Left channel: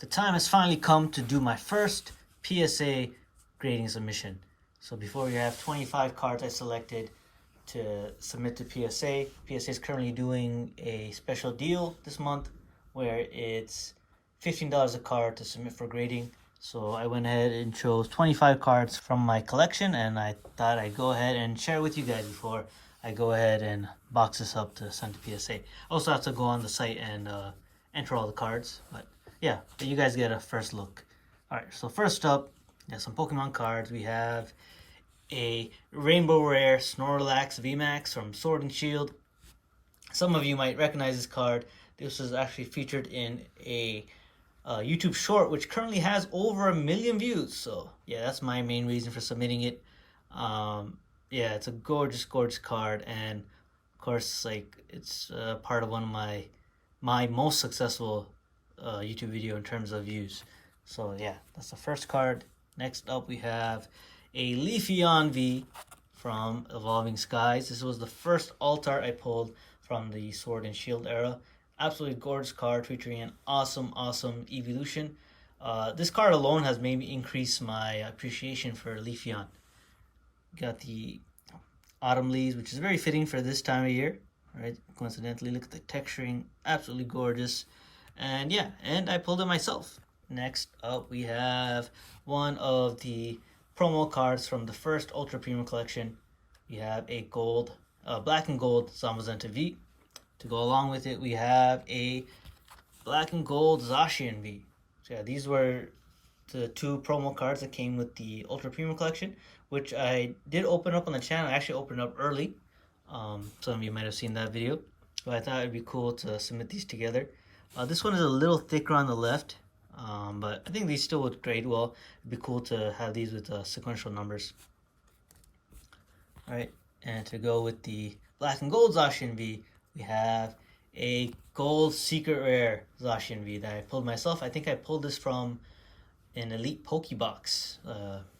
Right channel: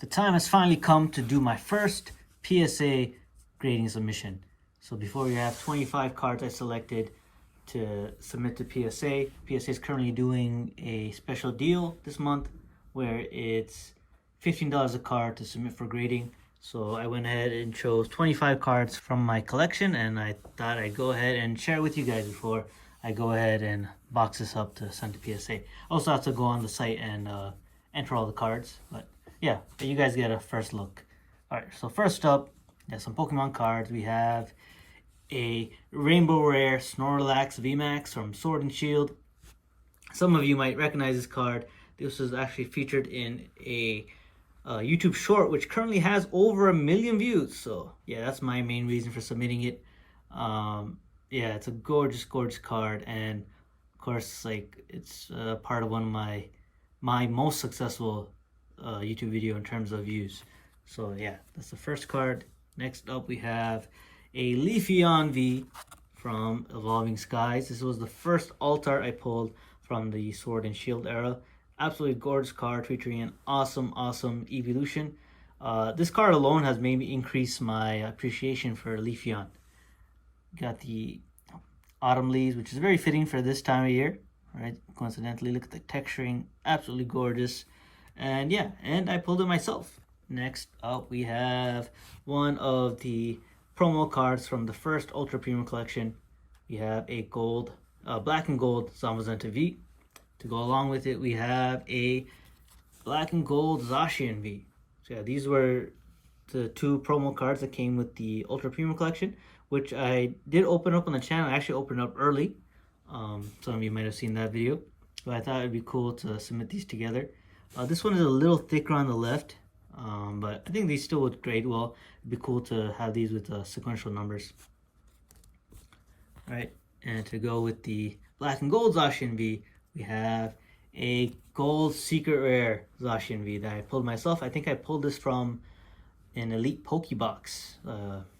The time has finally come to do my first PSA grading submission. So before we have 25 cards I selected to submit to PSA. PSA is currently doing a special deal this month where it's $15 a card to submit for grading. So I went ahead and chose 25 cards from my collection, and I thought I'd go ahead and share it with you guys before I go ahead and box this up to send to PSA. Also have to go on the site and enter all the cards, but yeah, you guys get a first look. Alright, so first up, some Pokemon cards. We have a Rainbow Rare Snorlax VMAX from Sword and Shield. Some of you might recognize this card. This was actually featured in a YouTube short, which currently has over 1 million views. So yeah, that's my main reason for submitting it. Yeah, it's a gorgeous card, and of course, like, it's part of one of my most successful YouTube video in terms of views. So yeah, that's the first card. Next up, we have a Leafeon V from Evolving Skies. This was the first alt art I pulled from the Sword and Shield era. Absolutely gorgeous card featuring an awesome evolution. This card alone has made me increase my appreciation for Leafeon. Got the autumn leaves, which is very fitting for this time of year, right? Coincidentally, look at the texturing, absolutely gorgeous. And yeah, and I pulled it myself. Next up, we have one of the promo cards from the first Ultra Premium collection. We have a black and gold Zamazenta V. To go along with it, we have a black and gold Zacian V. So yeah, these were the two promo cards that came with the Ultra Premium collection, which I did open up on the channel. I actually opened up early. Some of you might have seen that video, but I thought it'd be cool to submit these together. This one is a little thicker on the left, but I think these still would grade well. It'd be cool to have these with sequential numbers. All right, and to go with the black and gold Zacian V, we have a gold secret rare Zacian V that I pulled myself. I think I pulled this from an Elite Pokebox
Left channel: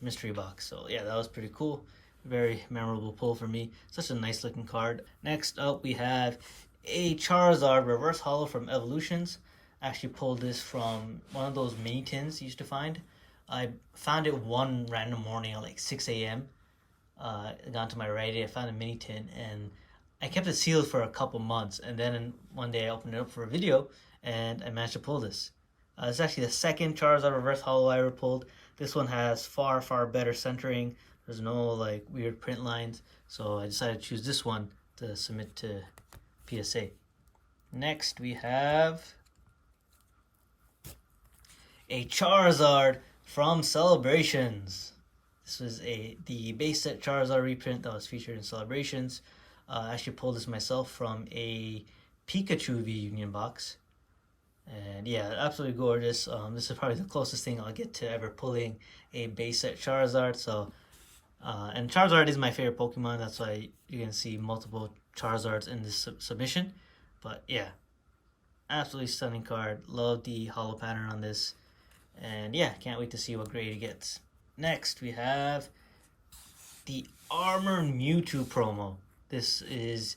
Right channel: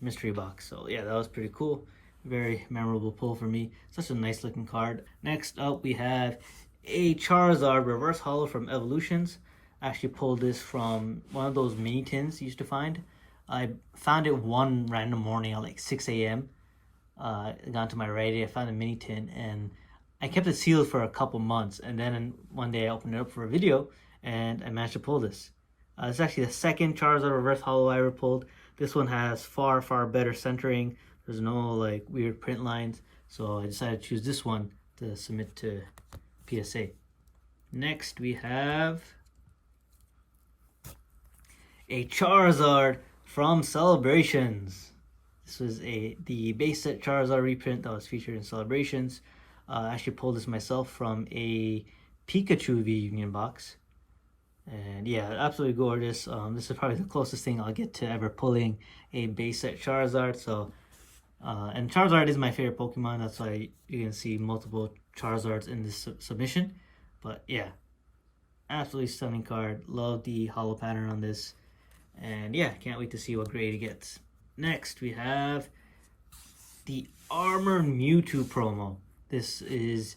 mystery box. So yeah, that was pretty cool. Very memorable pull for me. Such a nice looking card. Next up, we have a Charizard reverse holo from Evolutions. I actually pulled this from one of those mini tins you used to find. I found it one random morning at like 6 a.m. I got to my Reddit, I found a mini tin, and I kept it sealed for a couple months, and then one day I opened it up for a video and I managed to pull this. It's actually the second Charizard reverse holo I ever pulled. This one has far better centering. There's no like weird print lines, so I decided to choose this one to submit to PSA. Next, we have a Charizard from Celebrations. This was the base set Charizard reprint that was featured in Celebrations. I actually pulled this myself from a Pikachu V Union box. And yeah, absolutely gorgeous. This is probably the closest thing I'll get to ever pulling a base set Charizard. So, and Charizard is my favorite Pokemon. That's why you can see multiple Charizards in this submission. But yeah, absolutely stunning card. Love the holo pattern on this. And yeah, can't wait to see what grade it gets. Next, we have the Armored Mewtwo promo. This is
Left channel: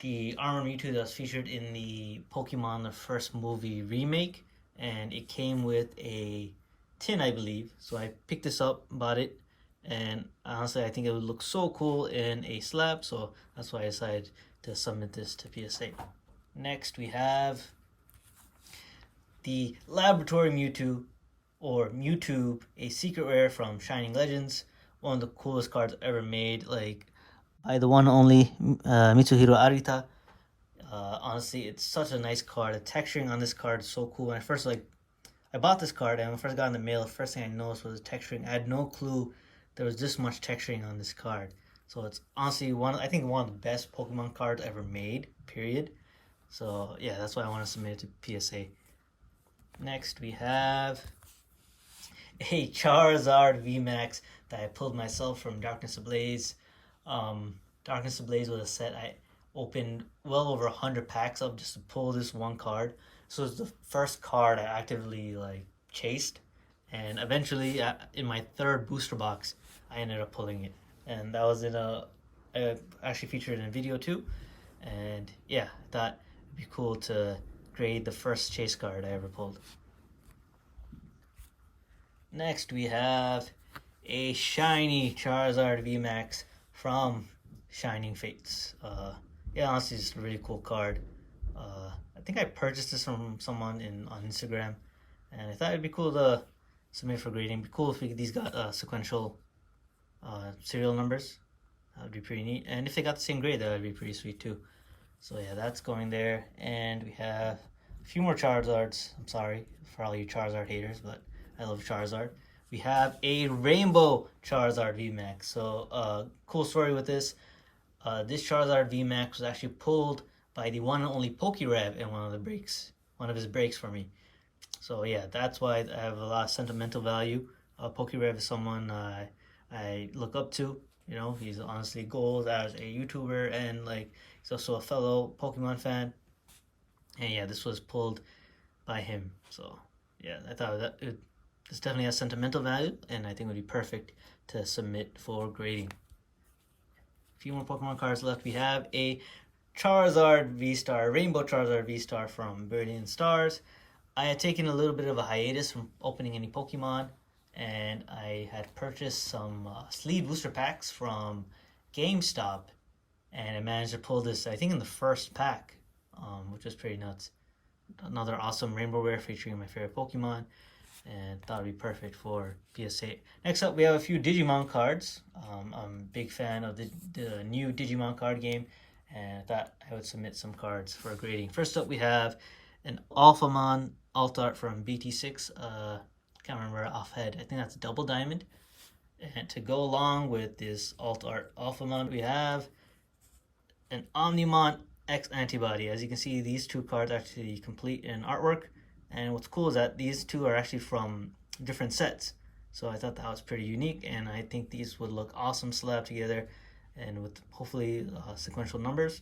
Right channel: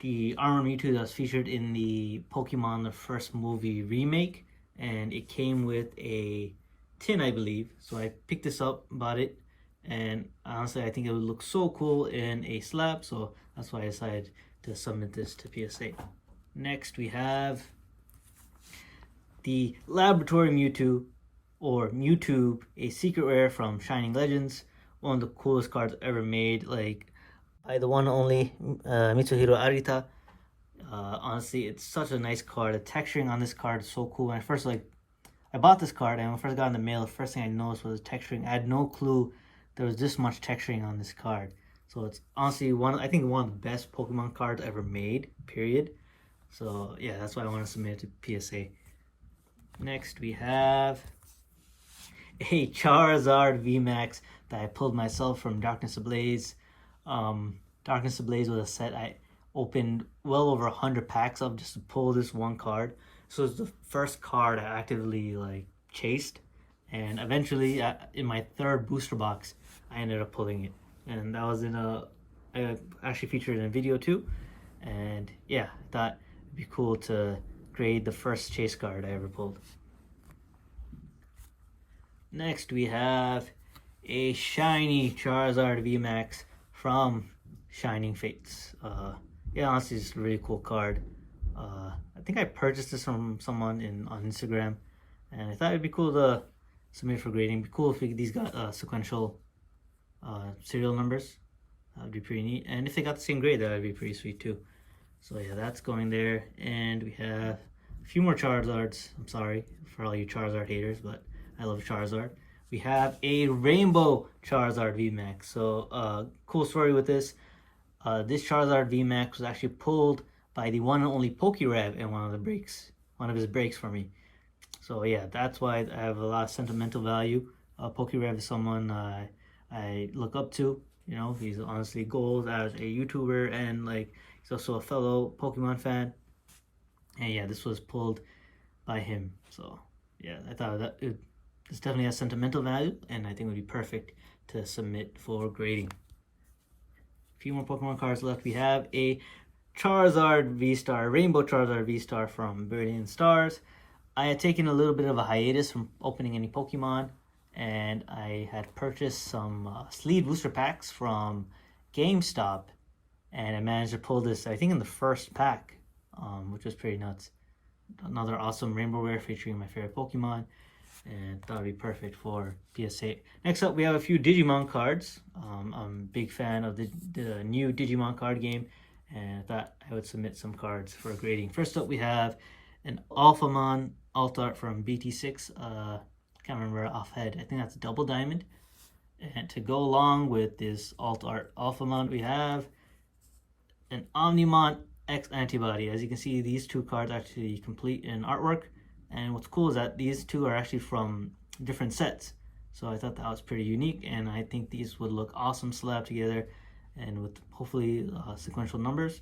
the Armored Mewtwo that's featured in the Pokemon the First Movie remake, and it came with a tin, I believe. So I picked this up, bought it, and honestly I think it would look so cool in a slab, so that's why I decided to submit this to PSA. Next, we have the Laboratory Mewtwo, or Mewtwo, a secret rare from Shining Legends. One of the coolest cards ever made, like by the one only Mitsuhiro Arita. Honestly, it's such a nice card. The texturing on this card is so cool. When I bought this card, and when I first got in the mail, the first thing I noticed was the texturing. I had no clue there was this much texturing on this card. So it's honestly I think one of the best Pokemon cards ever made, period. So yeah, that's why I want to submit it to PSA. Next, we have a Charizard VMAX that I pulled myself from Darkness Ablaze. Darkness Ablaze was a set I opened well over 100 packs of just to pull this one card. So it's the first card I actively like chased, and eventually in my third booster box I ended up pulling it, and that was I actually featured in a video too. And yeah, I thought it'd be cool to grade the first chase card I ever pulled. Next we have a shiny Charizard VMAX from Shining Fates. Yeah, honestly, it's a really cool card. I think I purchased this from someone on Instagram, and I thought it'd be cool to submit for grading. It'd be cool if these got sequential serial numbers. That would be pretty neat. And if they got the same grade, that would be pretty sweet too. So yeah, that's going there. And we have a few more Charizards. I'm sorry for all you Charizard haters, but I love Charizard. We have a Rainbow Charizard VMAX. So cool story with this. This Charizard VMAX was actually pulled by the one and only PokeRev in one of his breaks for me. So yeah, that's why I have a lot of sentimental value. PokeRev is someone I look up to. You know, he's honestly gold as a YouTuber, and like he's also a fellow Pokemon fan. And yeah, this was pulled by him. So yeah, I thought this definitely has sentimental value, and I think it would be perfect to submit for grading. A few more Pokemon cards left. We have a Charizard V-Star, Rainbow Charizard V-Star from Brilliant Stars. I had taken a little bit of a hiatus from opening any Pokemon, and I had purchased some sleeve booster packs from GameStop, and I managed to pull this, I think, in the first pack, which was pretty nuts. Another awesome rainbow rare featuring my favorite Pokemon, and thought it'd be perfect for PSA. Next up, we have a few Digimon cards. I'm a big fan of the new Digimon card game, and I thought I would submit some cards for grading. First up, we have an Alphamon alt art from BT6. Can't remember offhead. I think that's Double Diamond. And to go along with this alt art Alphamon, we have an Omnimon X Antibody. As you can see, these two cards actually complete in artwork. And what's cool is that these two are actually from different sets. So I thought that was pretty unique, and I think these would look awesome slapped together, and with hopefully sequential numbers.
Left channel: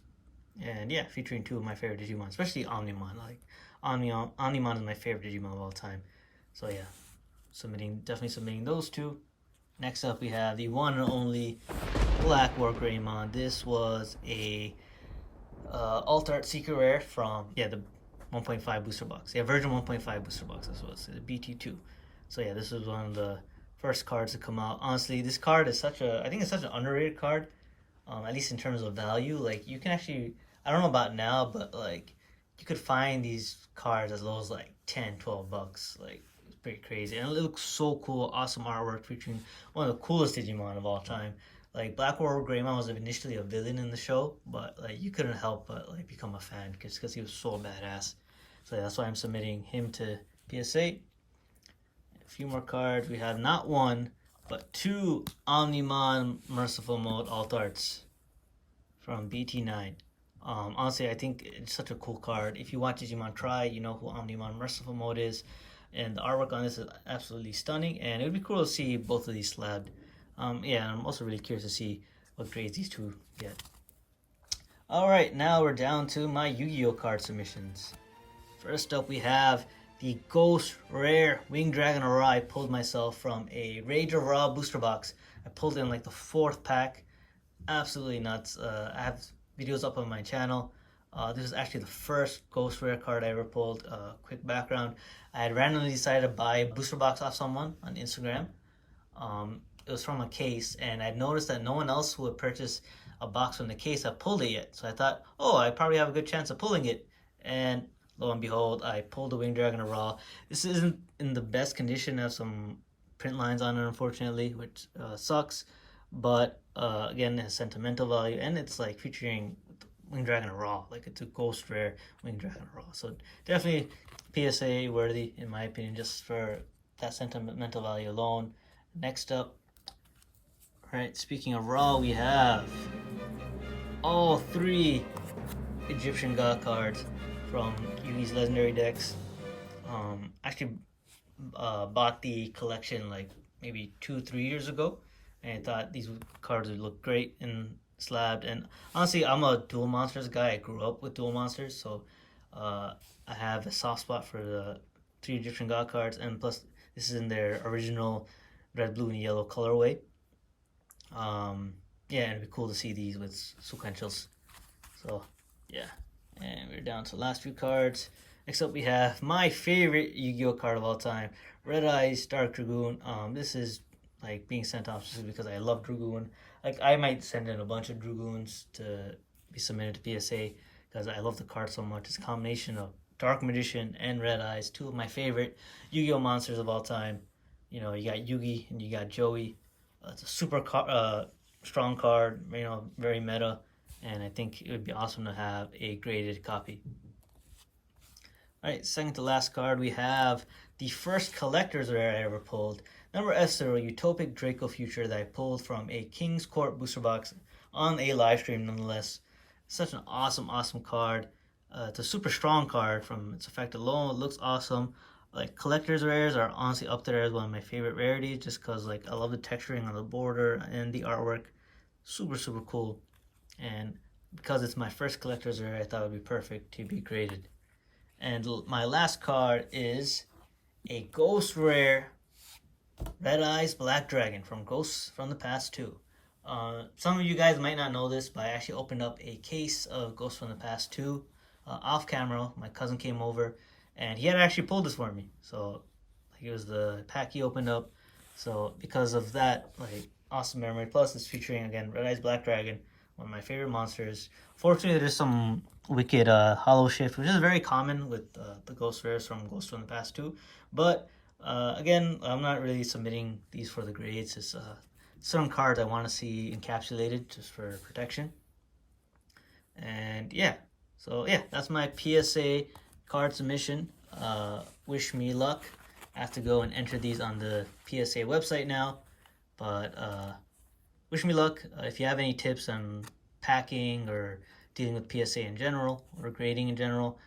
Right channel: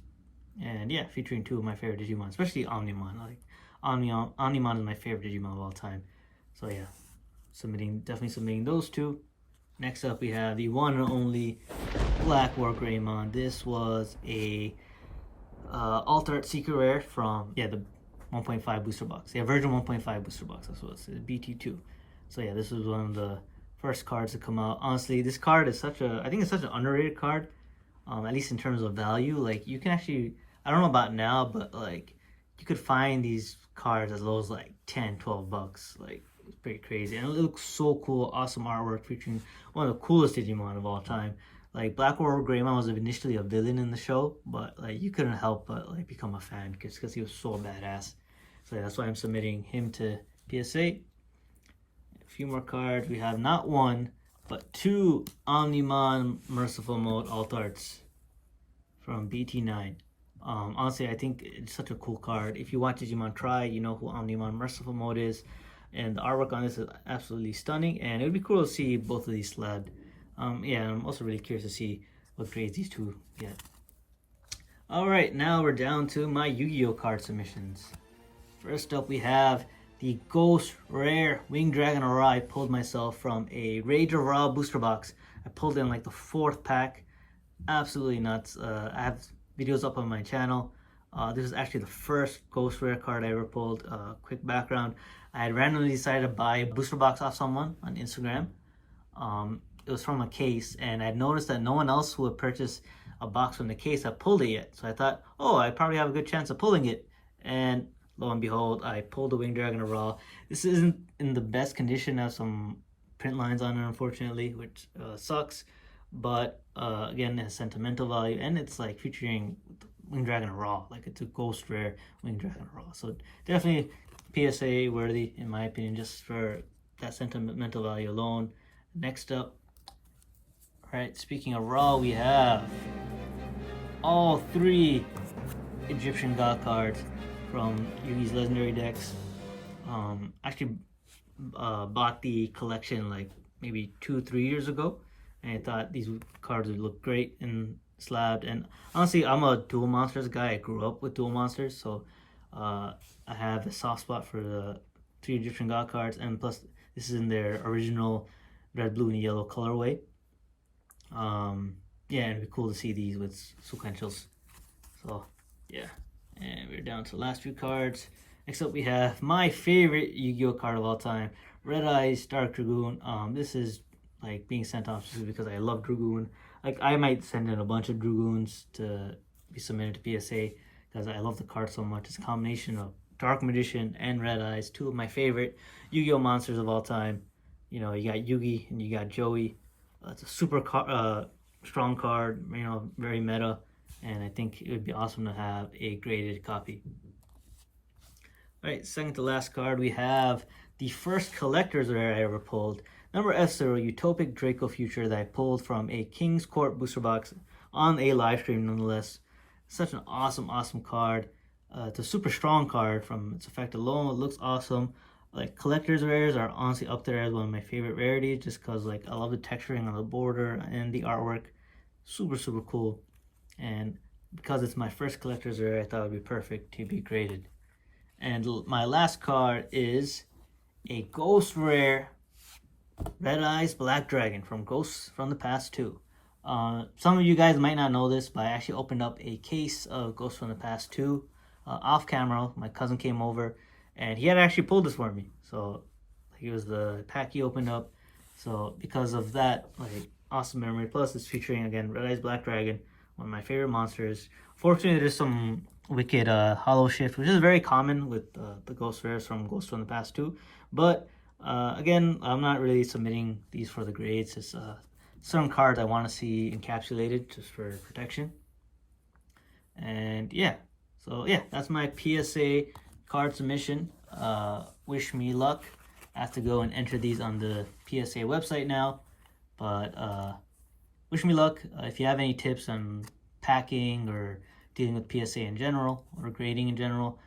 And yeah, featuring two of my favorite Digimon, especially Omnimon. Like Omnimon is my favorite Digimon of all time. So yeah, definitely submitting those two. Next up, we have the one and only Black War Greymon. This was a alt art secret rare from the 1.5 booster box. Yeah, version 1.5 booster box. This was BT2. So yeah, this was one of the first cards to come out. Honestly, this card is I think it's such an underrated card. At least in terms of value. Like, you can actually, I don't know about now, but like you could find these cards as low as like 10, 12 bucks. Like, it's pretty crazy. And it looks so cool. Awesome artwork featuring one of the coolest Digimon of all time. Like, Black War Greymon was initially a villain in the show, but like you couldn't help but like become a fan because he was so badass. So yeah, that's why I'm submitting him to PSA. A few more cards. We have not one, but two Omnimon Merciful Mode alt arts from BT9. Honestly, I think it's such a cool card. If you watch Digimon Try, you know who Omnimon Merciful Mode is, and the artwork on this is absolutely stunning. And it would be cool to see both of these slabbed. Yeah, and I'm also really curious to see what grades these two get. All right, now we're down to my Yu-Gi-Oh card submissions. First up, we have the Ghost Rare Winged Dragon Aura. I pulled myself from a Rage of Ra booster box. I pulled in like the 4th pack. Absolutely nuts. I have videos up on my channel. This is actually the first Ghost Rare card I ever pulled. Quick background. I had randomly decided to buy a booster box off someone on Instagram. It was from a case, and I noticed that no one else who had purchased a box from the case had pulled it yet. So I thought, oh, I probably have a good chance of pulling it. And lo and behold, I pulled the Winged Dragon Aura. This isn't in the best condition. It has some print lines on it, unfortunately, which sucks. But again, it has sentimental value, and it's like featuring Winged Dragon Aura. Like, it's a Ghost Rare Winged Dragon Aura. So definitely PSA worthy, in my opinion, just for that sentimental value alone. Next up, right, speaking of Raw, we have all 3 Egyptian God cards from Yugi's legendary decks. Actually bought the collection like maybe 2-3 years ago, and I thought these cards would look great in slabbed. And honestly, I'm a dual monsters guy. I grew up with dual monsters, so I have a soft spot for the 3 Egyptian God cards, and plus this is in their original red, blue, and yellow colorway. Yeah, and it'd be cool to see these with sequentials. So yeah, and we're down to the last few cards. Next up, we have my favorite Yu-Gi-Oh card of all time, Red Eyes Dark Dragoon. This is like being sent off just because I love Dragoon. Like, I might send in a bunch of Dragoons to be submitted to PSA because I love the card so much. It's a combination of Dark Magician and Red Eyes, two of my favorite Yu-Gi-Oh monsters of all time. You know, you got Yugi and you got Joey. It's a super strong card, you know, very meta, and I think it would be awesome to have a graded copy. Alright, second to last card, we have the first collector's rare I ever pulled. Number Esther, a Utopic Draco Future that I pulled from a King's Court booster box on a live stream nonetheless. Such an awesome card. It's a super strong card from its effect alone. It looks awesome. Like, collector's rares are honestly up there as one of my favorite rarities just because, like, I love the texturing on the border and the artwork. Super cool. And because it's my first collector's rare, I thought it would be perfect to be graded. And my last card is a Ghost Rare Red Eyes Black Dragon from Ghosts from the Past 2. Some of you guys might not know this, but I actually opened up a case of Ghosts from the Past 2 off camera. My cousin came over and he had actually pulled this for me. So it was the pack he opened up. So because of that, like, awesome memory. Plus it's featuring again Red Eyes Black Dragon, one of my favorite monsters. Fortunately, there's some wicked hollow shift, which is very common with the Ghost Rares from Ghosts from the Past 2. But again, I'm not really submitting these for the grades. It's certain cards I want to see encapsulated just for protection. And yeah, so yeah, that's my PSA card submission. Wish me luck. I have to go and enter these on the PSA website now, but wish me luck. If you have any tips on packing or dealing with PSA in general or grading in general,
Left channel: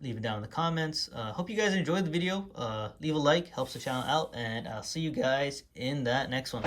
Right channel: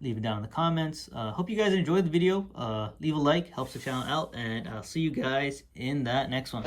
leave it down in the comments. Hope you guys enjoyed the video. Leave a like, helps the channel out, and I'll see you guys in that next one.